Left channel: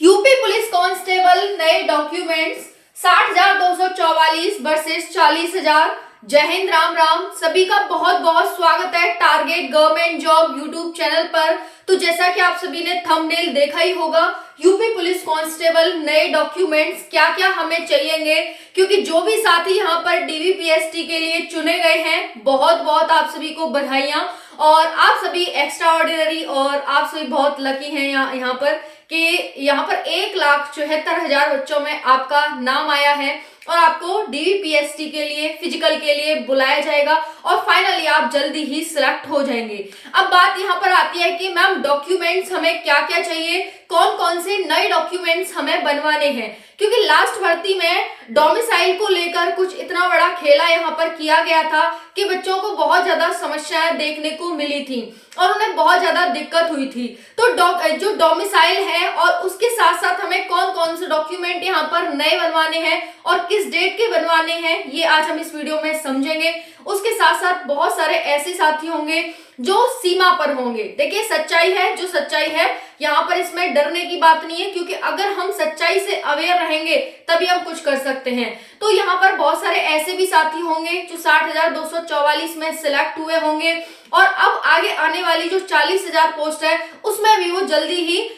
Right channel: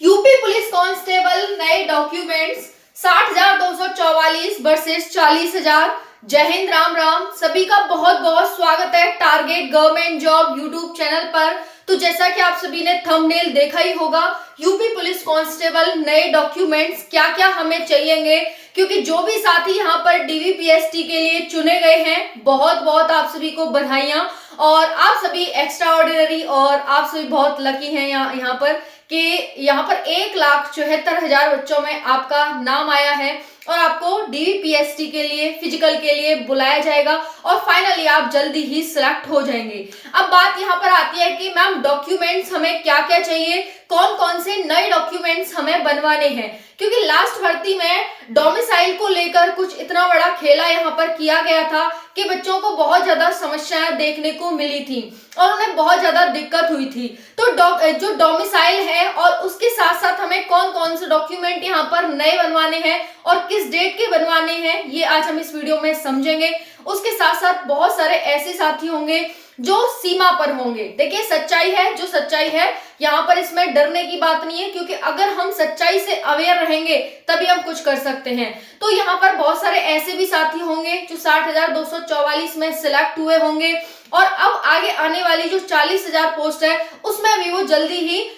UP police constable नए documents 60,244 versus 40,000। जय हिंद, राम राम। सभी का बहुत बहुत स्वागत है target government job YouTube channel पर। तो जैसा कि आप सभी ने थंबनेल देखा ही होगा, यूपी पुलिस कांस्टेबल नए डॉक्यूमेंट्स क्या क्या हमें चाहिएंगे, क्योंकि जो भी साथी यहाँ पर डीवीपीएसटी के लिए चुने गए हैं, बहुत बहुत आप सभी को बधाइयां। और आप सभी एक्स्ट्रा ऑर्डिनरी और आप सभी बहुत लकी हैं यहाँ पर कि यहाँ पर 1,74,000 बच्चों में आपका नाम आया है और आपको डीवीपीएसटी के लिए फिजिकल के लिए बुलाया जाएगा और फाइनली आप जल्दी ही सिलेक्ट हो जाएंगे। अब बात यहाँ पर आती है कि मैम डॉक्यूमेंट्स हमें क्या क्या चाहिए, कौन कौन से नए डॉक्यूमेंट्स हमें बनवाने हैं, क्योंकि लास्ट भर्ती में डोमिसाइल को लेकर कुछ इतना बड़ा खेला यहाँ पर किया गया था कि बच्चों को बहुत ज्यादा समस्याएं देखने को मिली थी और उन्हें बहुत ज्यादा दिक्कत हुई थी। तो जो डोमिसाइल है और उसके साथ साथ हमें कौन कौन से डॉक्यूमेंट यहाँ पर नए बनवाने हैं और किस डेट के बनवाने हैं, ये आज हम इस वीडियो में समझेंगे। उसके साथ साथ बहुत सारे ऐसे साथी होंगे जो सीमा पर होंगे। देखिए सच्चाई है जो सच्चाई है, यहाँ पर इसमें डरने की बात नहीं है, क्योंकि अगर हम सच्चाई से अवेयर रहेंगे तभी हम कुछ कर सकते हैं। तो यहाँ पर बहुत सारे ऐसे भी साथी होंगे जो 60,244 में सिलेक्ट हुए होंगे और अब आगे आने वाली जो 40,000 पोस्ट है उसमें भी वो जल्दी ही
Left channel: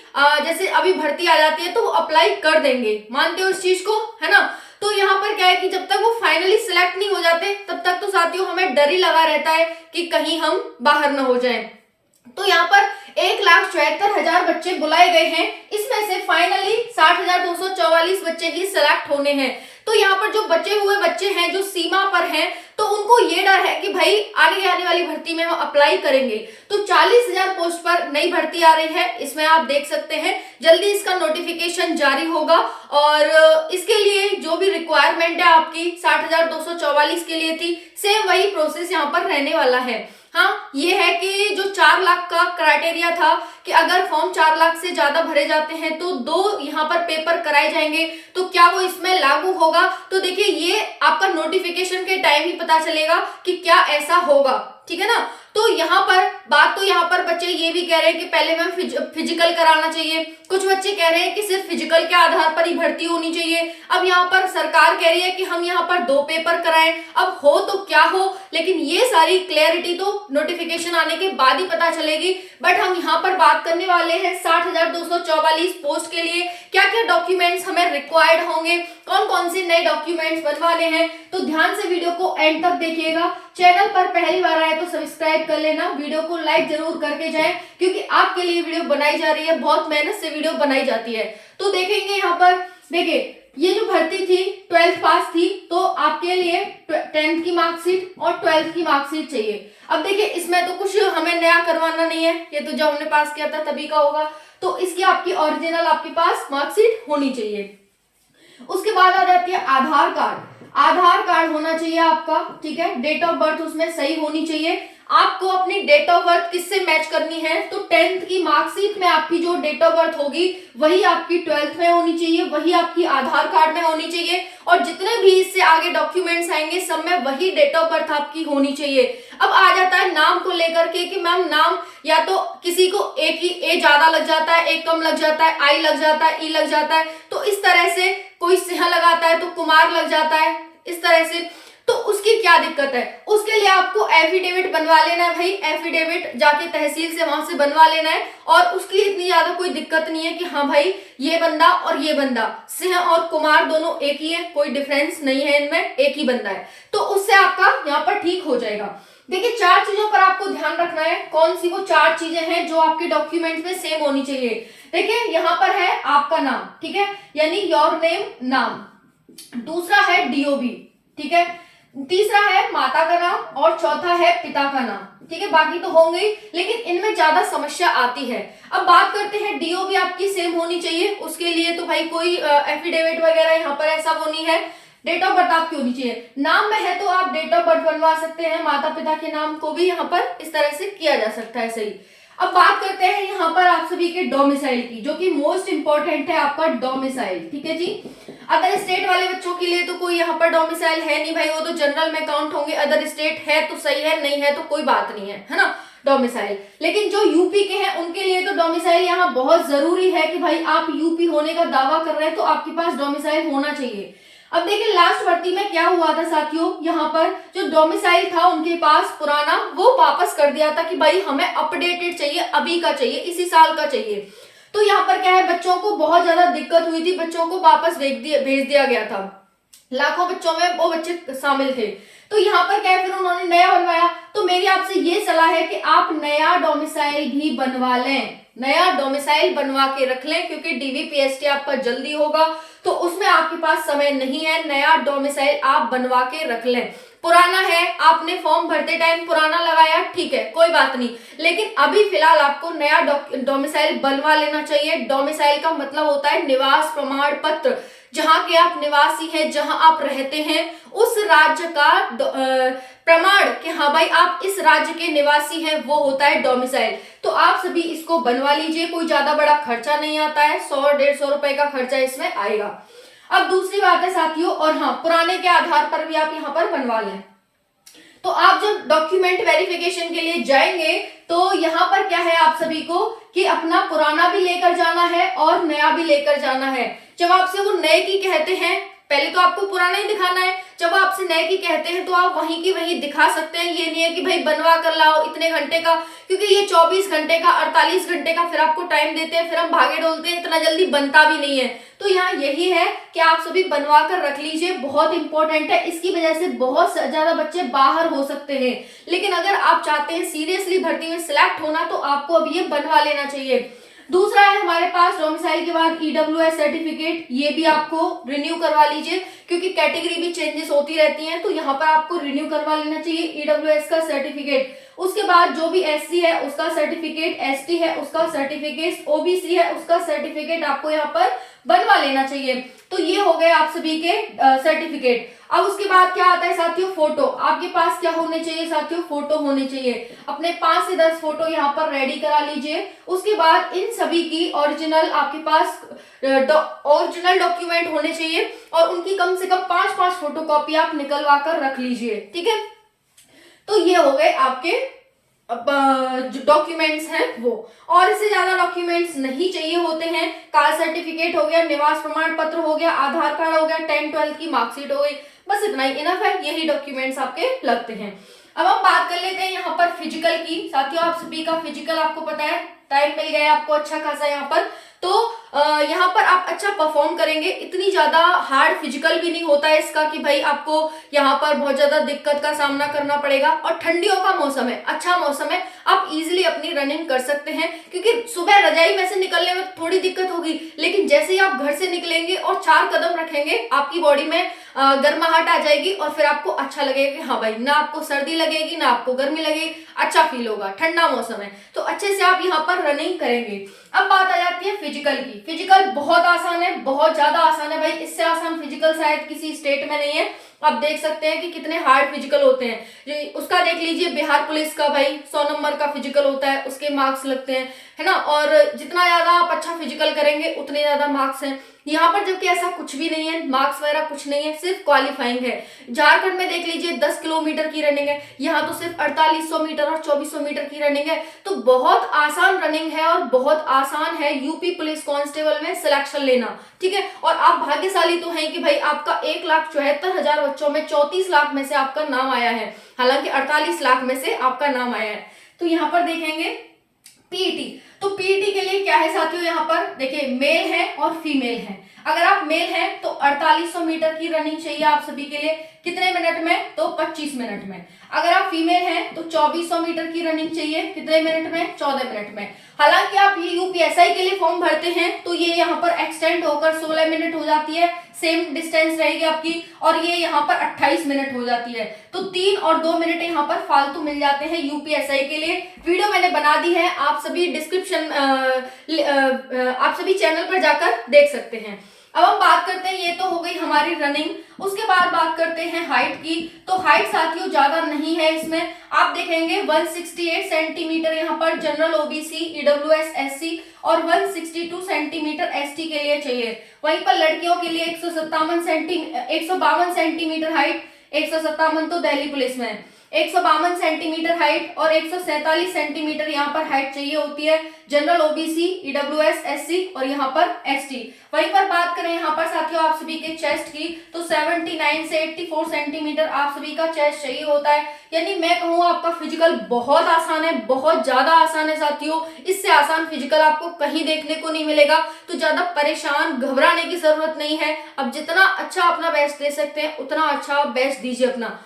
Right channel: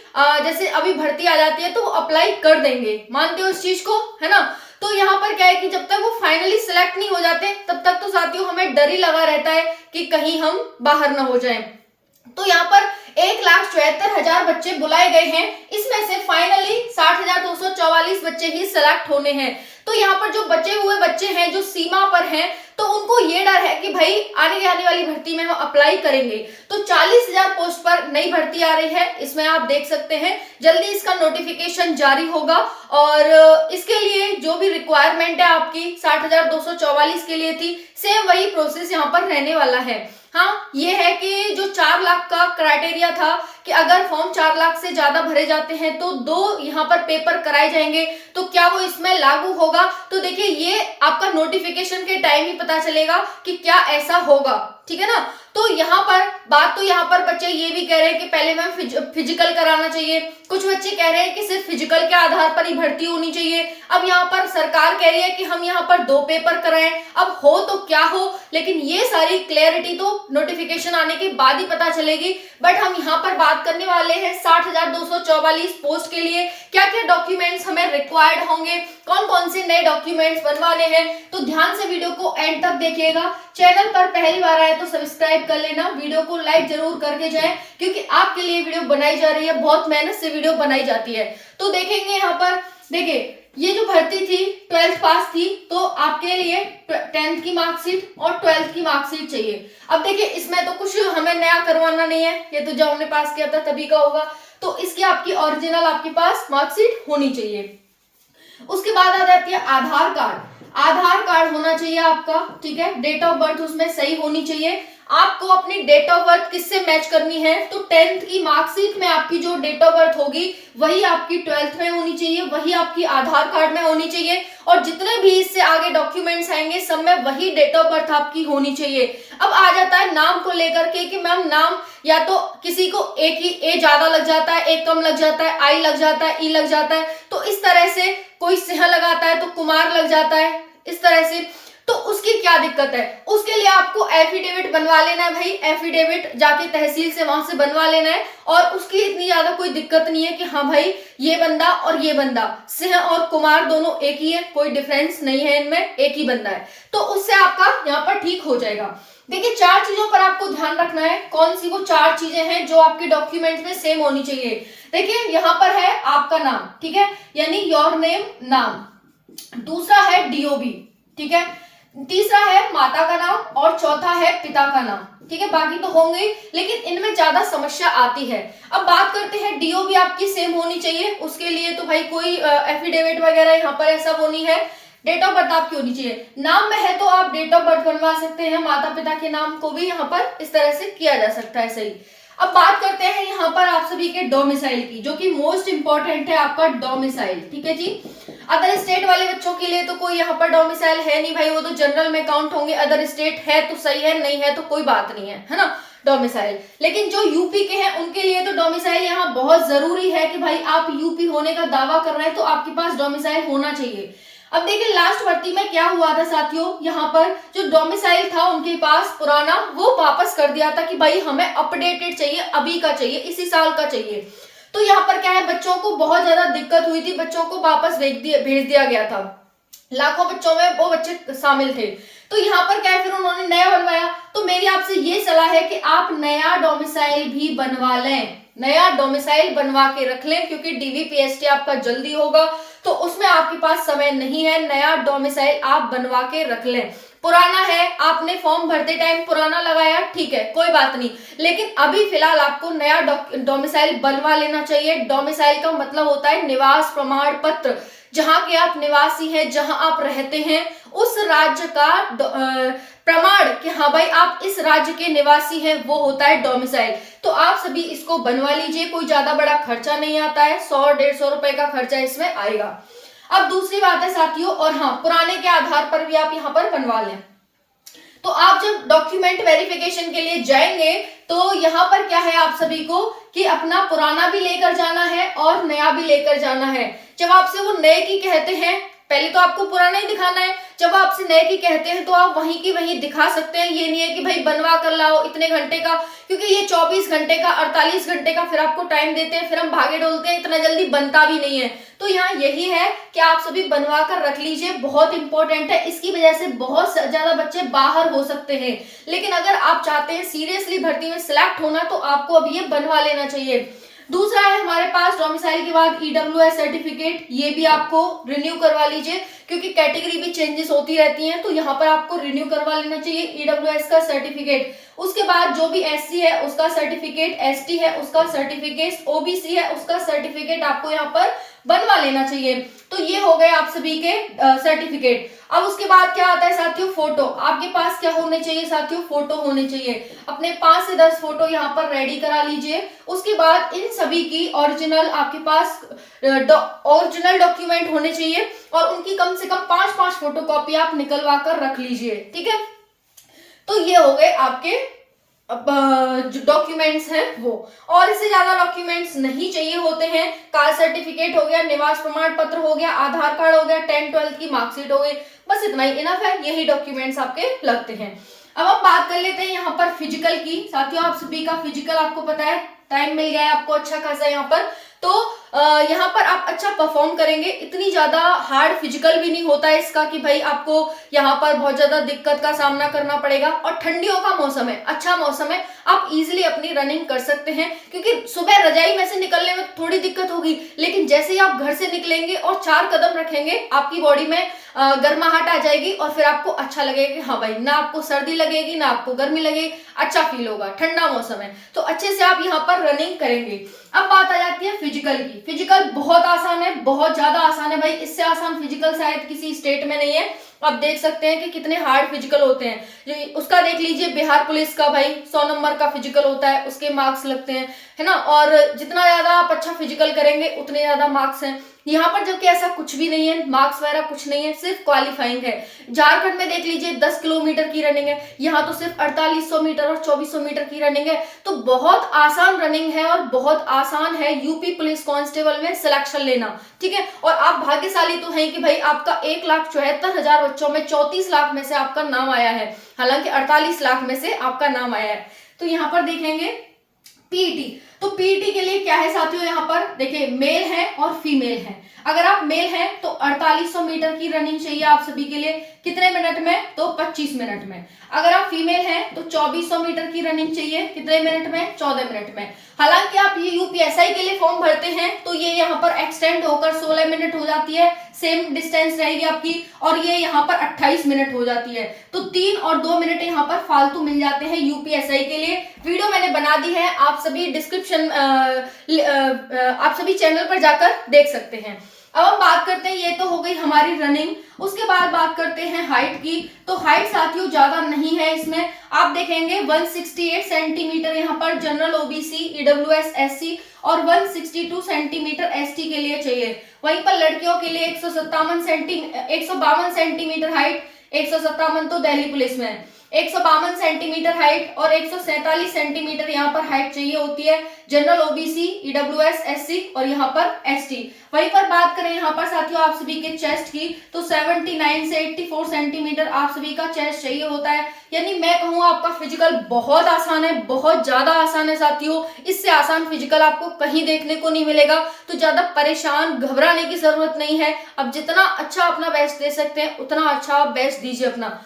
जैसे अभी भर्ती आ जाती है तो वो अप्लाई कर देंगे। मानते हो इस चीज को, है ना? तो यहाँ पर क्या है कि जब तक वो फाइनली सिलेक्ट नहीं हो जाते तब तक तो साथियों हमें डर ही लगा रहता है कि कहीं हम बाहर ना हो जाएं। तो यहाँ पर 1,74,000 बच्चे बुलाए गए हैं, इसमें से फाइनली 60,244 बच्चे ही सिलेक्ट होने हैं। तो यहाँ पर जो बचे हुए बच्चे हैं जो सीमा पर हैं, तो उनको ये डर है कि भाई आने वाली भर्ती में हम अप्लाई करेंगे। तो 40,000 पोस्ट पर नई भर्ती आ रही है, इसमें आप देख सकते हैं जल्दी इसका नोटिफिकेशन जारी होगा और इसके लिए जो भी रिक्वायरमेंट है आपकी 60,244 के लिए थी, सेम वही प्रोसेस यहाँ पर रहने वाला है। हाँ, ये है कि जो 4 लाख का क्राइटेरिया था कि अगर फॉर्म 4 लाख से ज्यादा भरे जाते हैं तो 2 यहाँ पर पेपर कराए जाएंगे, तो क्या वो इसमें लागू होगा? तो देखिए ये आपका नोटिफिकेशन के टाइम ही पता चलेगा कि क्या ऐसा होगा, ठीक है ना? तो यहाँ पर बात तो यहाँ पर बच्चे ये भी कह रहे हैं कि पहले मैम फिजिकल कराना चाहिए, कुछ बच्चे कह रहे हैं कि सिर्फ फिजिकल के आधार पर ही भर्ती होनी चाहिए। अब यहाँ पर सरकार कह रही है कि हम यहाँ पर 2 पेपर कराएं, अब हो तो क्या हो, लेकिन ये सारी क्लैरिटी तो नोटिफिकेशन आने के बाद ही पता चलेगी। बट हम यहाँ पर बात करने वाले हैं 60,244 पोस्ट के लिए क्या क्या डॉक्यूमेंट्स हमें रिक्वायर्ड होंगे, कौन कौन से नए डॉक्यूमेंट्स बनवाने हैं। तो ध्यान से वीडियो को एंड तक देखिएगा। चैनल पर पहली बार आए तो सब्सक्राइब कर लेना, वीडियो को लाइक जरूर करके जाएं, क्योंकि आपके लिए वीडियो बनाई जा रही है, बहुत मेहनत से वीडियो बनाई जाती है। तो देखेंगे यहाँ पर, देखिए ये जो भर्ती थी 12th पास थी, तो आपके लिए 10th की मार्कशीट और 12th की मार्कशीट चाहिए। अब देखिए इसमें तो कुछ हमें नया करवाना नहीं है, ये तो जब हमने पास किया था तभी का होगा। तो इसकी आपकी ओरिजिनल आपके पास मार्कशीट होनी चाहिए। उसके बाद आ जाती है आधार कार्ड। आधार कार्ड होना चाहिए आपका, ठीक है? डेट ऑफ बर्थ उसमें सही होनी चाहिए। आपको अपनी डेट ऑफ बर्थ किससे मैच करनी है? तो 10th की मार्कशीट में आपकी जो डेट ऑफ बर्थ होगी वही आपकी 12th में होनी चाहिए, वही आपकी आधार कार्ड में होनी चाहिए और जितने भी इससे आगे डॉक्यूमेंट्स आएंगे सब में वही डेट ऑफ बर्थ आपकी होनी चाहिए। अब आ जाता है नाम को लेकर के कि मैम नाम या तो किसी को एक ही ए ज्यादा लग जाता है, एक कम लग जाता है, आई लग जाता है, ई लग जाता है, तो इस तरह से कोई सिंह लगाता है तो कुमार लग जाता है, इस तरह से। तो उसकी क्या दिक्कत है? उसके लिए आपको एफिडेविट बनवा लेना है भाई, एफिडेविट जाके तहसील से वहां से बनवा लेना है और उसकी इतनी ज्यादा कोई दिक्कत नहीं है कि हाँ भाई ये बंदा और ये बंदा, सिंह और कुमार दोनों एक ही है, कोई डिफरेंस नहीं है इनमें, एक ही बंदा है। तो उससे आपका यहाँ पर ठीक हो जाएगा। देखिए 4 चीजों पर आपको ध्यान रखना है। कौन सी वो 4 चीजें हैं जो आपके डॉक्यूमेंट में सेम होनी चाहिए? देखिए यहाँ पर है आपका नाम, ठीक है, यानी योर नेम नाम। दूसरा है डीओबी, ठीक है। तीसरा है माता का नाम और चौथा है पिता का नाम, ठीक है। बाकी तो होंगे लेकिन इनमें ज्यादा समस्या आती है। अब बात करते हैं डीओबी आपकी सेम होनी चाहिए, उसके लिए तो भाई कोई एफिडेविट वगैरह यहाँ पर ऐसा वो नहीं है। डेट ऑफ बर्थ आपकी होनी चाहिए। नाम में है तो आप डेट ऑफ बर्थ बनवा सकते हैं, माता पिता के नाम को भी यहाँ पर इस तरह से किया जा सकता है, सही। अब बात करते हैं यहाँ पर आप सभी के डोमिसाइल की, जो कि मोस्ट इंपॉर्टेंट है आपका डोमिसाइल, ठीक है जी। अदर स्टेट वाले बच्चों के लिए तो कोई यहाँ पर डोमिसाइल है नहीं भाई, वो तो जनरल में काउंट होंगे। अदर स्टेट है तो सही है, नहीं है तो कोई बात नहीं है, है ना। डोमिसाइल। लेकिन जो यूपी के हैं उनके लिए तो डोमिसाइल यहाँ बहुत जरूरी है कि भाई आप यूपी होने का दावा कर रहे हैं तो आपके पास डोमिसाइल होना चाहिए। अब देखिए लास्ट भर्ती में क्या हुआ था साथियों, यहाँ पर जो डोमिसाइल था उनके पास पुराना वो वापस कर दिया था कि भाई हमें अपडेटेड चाहिए, अभी का चाहिए, इसी साल का चाहिए। तो यहाँ पर क्या है, बच्चों को बहुत ज्यादा दिक्कत हुई थी, बच्चों को वापस भेज दिया गया था। लाखों बच्चों में वो बच्चे शामिल थे। तो यहाँ पर क्या है, फिर उन्होंने नया बनवाया। तो मेरी आपसे ये सलाह है कि आप नया डोमिसाइल भी बनवा लें, नया डोमिसाइल बनवा के रख लें, क्योंकि डीवीपीएसटी आपका जल्दी होगा तो उसमें आपके पास समय नहीं है। नया डोमिसाइल आप बनवा के रख लें। पुराना है, आपने फॉर्म भरते टाइम पुराना लगाया, ठीक है कोई बात नहीं, लेकिन अभी फिलहाल आपको नया डोमिसाइल बनवा लेना चाहिए। डोमिसाइल का मतलब होता है निवास प्रमाण पत्र, जहां के आप निवासी हैं, जहां आप रहते हैं, उस राज्य का प्रमाण कि हाँ भाई आप इस राज्य के निवासी हैं, वो होता है डोमिसाइल। तो आप सभी इसको बनवा लीजिए, कोई ज्यादा बड़ा खर्चा नहीं आता है, 100-150 रुपए का खर्चा इसमें आएगा। अब दूसरी बात है साथियों, और हाँ पुराने के आधार पर भी आप यहाँ पर बनवा लें। तो आप जब डॉक्यूमेंट वेरिफिकेशन के लिए जाएंगे तो यहाँ पर क्या है आप सभी को कि अपना पुराना भी लेकर जाना है और नया भी लेकर जाना है। जब आपसे वो नए की कहते हैं, पहले तो आपको पुराना ही दिखाना है, जब आपसे नए की कहते हैं तो आप वहीं की वहीं दिखा सकते हैं। ये नहीं है कि भाई बनवा कर लाओ इतने घंटे का, क्योंकि ये 24 घंटे का 48 घंटे का फिर आपको टाइम देते हैं, फिर हम भागे डोलते हैं, इतना जल्दी बनता भी नहीं है। तो यहाँ यही है कि आप सभी बनवा कर रख लीजिए, बहुत इंपॉर्टेंट है। इसकी वजह से बहुत ज्यादा बच्चे बाहर हो सकते हैं, लेकिन अगर आप चाहते हैं सीरियसली भर्ती में सिलेक्ट होना तो आपको अब ये बनवा लेना चाहिए। दूसरा है हमारे पास डोमिसाइल के बाद ईडब्ल्यूएस सर्टिफिकेट, ये भी आपको रिन्यू करवा लीजिए, क्योंकि कैटेगरी भी चेंजेस होती रहती हैं, तो यहाँ पर आपको रिन्यू करवा लेना चाहिए ईडब्ल्यूएस का सर्टिफिकेट। उसके बाद जो भी एससी है उसका सर्टिफिकेट, एसटी है उसका सर्टिफिकेट, ओबीसी है उसका सर्टिफिकेट आपको यहाँ पर बनवा लेना चाहिए। तो ये हो गए आप सभी के सर्टिफिकेट। अब उसके बाद क्या आता है साथियों, फोटो। आपके पास क्या होने चाहिए साथियों, फोटो होने चाहिए। अपने 5 से 10 फोटो यहाँ पर रेडी करा लीजिए। उसके बाद इन सभी की ओरिजिनल आपके पास ओरिजिनल डॉक्यूमेंट होने चाहिए और उनकी कम से कम 5-5 फोटोकॉपी आप निकलवा कर रख लीजिए, ठीक है। तो ये हो गए आपके जो डॉक्यूमेंट्स हैं वो, और इससे ज्यादा डॉक्यूमेंट्स नहीं चाहिए होते हैं। कास्ट सर्टिफिकेट हो गया, निवास प्रमाण पत्र हो गया, आधार कार्ड हो गया, 10-12 की मार्कशीट हो गई, बस इतना ही इनफ है, यही डॉक्यूमेंट्स आपके लगते हैं। अब हम बात कर लेते हैं यहाँ पर फिजिकल की। साथियों आप सभी का फिजिकल आपको पता है, टाइम मिल गया है आपको अच्छा खासा यहाँ पर, तो यहाँ पर आप अच्छा परफॉर्म करेंगे। इतनी ज्यादा हार्ड फिजिकल भी नहीं होता है इसका कि भाई आपको यहाँ पर बहुत ज्यादा दिक्कत का सामना करना पड़ेगा, और ठंडियों का मौसम है, अच्छा मौसम है, आप इजीली अपनी रनिंग कर सकते हैं। क्योंकि सुबह रजाई में से निकलने में थोड़ी दिक्कत होगी, लेकिन जैसे ही आप घर से निकलेंगे और 4 कदम रखेंगे आपकी बॉडी में गर्माहट आ जाएगी और फिर आपको अच्छा लगेगा कि हाँ भाई ना आपको सर्दी लगेगी ना आपको गर्मी लगेगी, अच्छा फील होगा, ठंडा मौसम है, तो अच्छे से आप यहाँ पर रनिंग करेंगे। अब बात आ जाती है फिजिकल की। फिजिकल बहुत आसान है, बहुत ज्यादा आसान है भाई, इससे आसान फिजिकल शायद किसी स्टेट में नहीं है। आप देख सकते हैं कि कितने हार्ड फिजिकल होते हैं। उसका देख लीजिए, बिहार पुलिस का भाई 100 नंबर का फिजिकल होता है, उसके मार्क्स लगते हैं, है ना, और जितना ज्यादा आप अच्छा फिजिकल करेंगे उतने ज्यादा मार्क्स हैं। यहाँ पर जबकि ऐसा कुछ भी नहीं है, मार्क्स वगैरह कुछ नहीं है, सिर्फ क्वालिफाइंग है। झारखंड में देख लीजिए 10 किलोमीटर की रनिंग है, यहाँ तो सिर्फ 4800 मीटर और 2400 मीटर की रनिंग है। तो बहुत आसान रनिंग है और बहुत आसान है यूपी पुलिस कांस्टेबल में सिलेक्शन लेना, ठीक है। और आप भाग्यशाली तो हैं कि भाई आपका 1,74,000 बच्चों में 34 लाख में से आपका नाम आया है, हालांकि 48 लाख में से आपका नाम आया है। तो यहाँ पर देखेंगे पीईटी, तो पीईटी के लिए क्या है साथियों, यहाँ पर देखिए मेल है और फीमेल है। अगर आप मेल हैं तो 4800 मीटर की रनिंग चाहिए आप सभी के लिए, कितने मिनट में, तो 25 मिनट में। अगर आप फीमेल हैं तो 2400 मीटर की रनिंग चाहिए, कितने मिनट में, 14 मिनट में। हालांकि आप ये यूपीएसआई के लिए फॉर्म भरते हैं तो ये यहाँ पर एक्सटेंड होकर 16 मिनट हो जाती है, सेम डिस्टेंस रहेगी आपकी, और ये यहाँ पर 28 मिनट हो जाती है। तो 3 और 2 मिनट यहाँ पर फालतू मिल जाते हैं यूपीएसआई के लिए। वीडियो मैंने बना दी है, आप सभी डिस्क्रिप्शन आप सभी चैनल पर जाकर देख सकते हैं। अब हम बात करते हैं, ये तो हो गई हमारी रनिंग, उसके बाद बात करते हैं हाइट की। तो हाइट साथियों ज्यादा नहीं है इसमें, आप देखेंगे 168 सेंटीमीटर यहाँ पर जनरल ओबीसी ईडब्ल्यूएस एससी और 162 सेंटीमीटर एसटी के लिए चाहिए। वहीं पर लड़कियों के लिए 152 सेंटीमीटर हाइट, 157 तो दिल्ली पुलिस में, 152 सेंटीमीटर हाइट और 147 सेंटीमीटर यहाँ पर हाइट चाहिए होती है जनरल, ओबीसी, ईडब्ल्यूएस, एससी और यहाँ पर एसटी। वहीं पर बात करें यहाँ पर साथियों आप सभी के चेस्ट की, तो 79 से 84 सेंटीमीटर आप सभी का चेस्ट चाहिए होता है। यानी मैं कहूँ आपका फिजिकल बहुत आसान है, बहुत ज्यादा आसान है साथियों। इससे आसान फिजिकल आपको कहीं देखने को नहीं मिलेगा, तो ज्यादा परेशान घबराने की जरूरत नहीं है। अब जितना अच्छा अपना बेस्ट दे सकते हैं उतना अच्छा बेस्ट दीजिए अपना,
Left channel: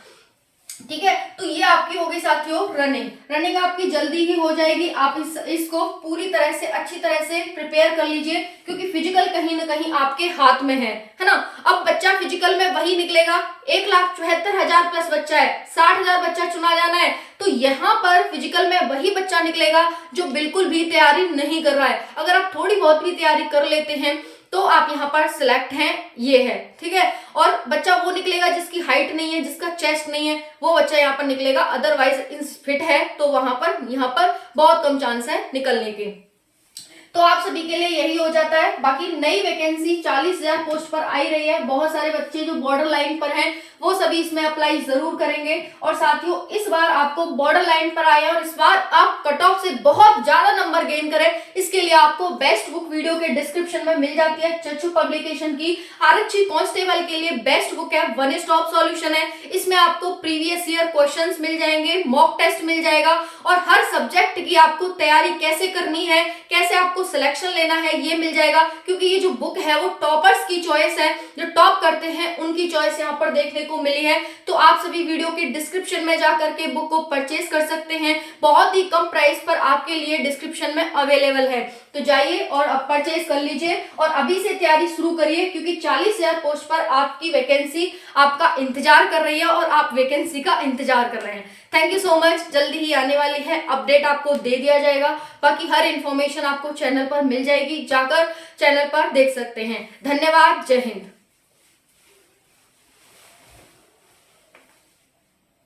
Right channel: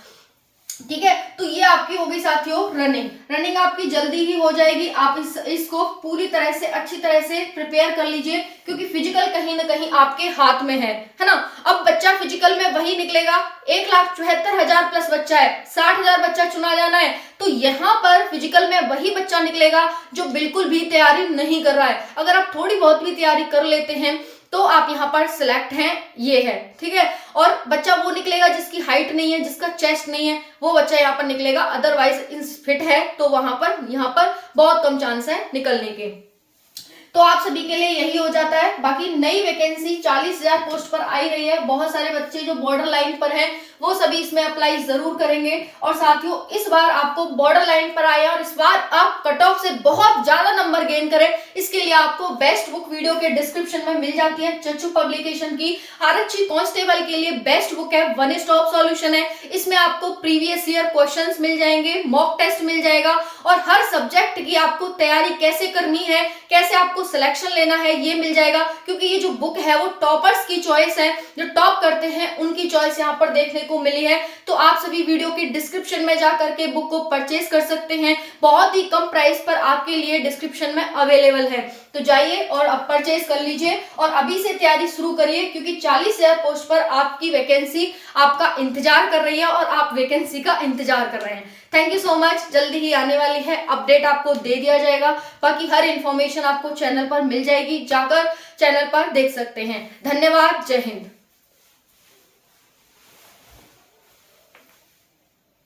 ठीक है। तो ये आपकी होगी साथियों रनिंग आपकी जल्दी ही हो जाएगी। आप इसको पूरी तरह से अच्छी तरह से प्रिपेयर कर लीजिए, क्योंकि फिजिकल कहीं ना कहीं आपके हाथ में है ना। अब बच्चा फिजिकल में वही निकलेगा, 1,74,000 प्लस बच्चा है, 60,000 बच्चा चुना जाना है, तो यहाँ पर फिजिकल में वही बच्चा निकलेगा जो बिल्कुल भी तैयारी नहीं कर रहा है। अगर आप थोड़ी बहुत भी तैयारी कर लेते हैं तो आप यहाँ पर सिलेक्ट हैं, ये है, ठीक है। और बच्चा वो निकलेगा जिसकी हाइट नहीं है, जिसका चेस्ट नहीं है, वो बच्चा यहाँ पर निकलेगा। अदरवाइज फिट है तो वहां पर यहाँ पर बहुत कम चांस है निकलने के। तो आप सभी के लिए यही हो जाता है। बाकी नई वैकेंसी 40,000 पोस्ट पर आई रही है। बहुत सारे बच्चे जो बॉर्डर लाइन पर हैं वो सभी इसमें अप्लाई जरूर करेंगे। और साथियों इस बार आपको बॉर्डर लाइन पर आया और इस बार आप कट ऑफ से बहुत ज्यादा नंबर गेन करें, इसके लिए आपको बेस्ट बुक वीडियो के डिस्क्रिप्शन में मिल जाती है। चच्चू पब्लिकेशन की आरक्षी कांस्टेबल के लिए बेस्ट बुक है, वन स्टॉप सॉल्यूशन है। इसमें आपको प्रीवियस ईयर क्वेश्चंस मिल जाएंगे, मॉक टेस्ट मिल जाएगा और हर सब्जेक्ट की आपको तैयारी कैसे करनी है, कैसे आपको सिलेक्शन लेना है ये मिल जाएगा। क्योंकि ये जो बुक है वो टॉपर्स की चॉइस है, जो टॉप करते हैं उनकी चॉइस यहाँ पर देखने को मिली है। तो आप सभी वीडियो के डिस्क्रिप्शन में जाकर के बुक को परचेज कर सकते हैं, बहुत ही कम प्राइस पर आपके लिए डिस्क्रिप्शन में अवेलेबल है। तो जाइए और अब परचेज कर लीजिए और अभी से तैयारी शुरू करिए, क्योंकि 40,000 पोस्ट पर आपकी वैकेंसी आपका इंतजार कर रही है और आप वैकेंसी का इंतजार कर रहे हैं। थैंक यू सो मच, जल्दी ही आने वाली है अपडेट, आपको दे दिया जाएगा। बाकी हर इंफॉर्मेशन आपको चैनल पर मिल जाएगी, जाकर चैनल पर देख सकते हैं। धन्यवाद, जय हिंद।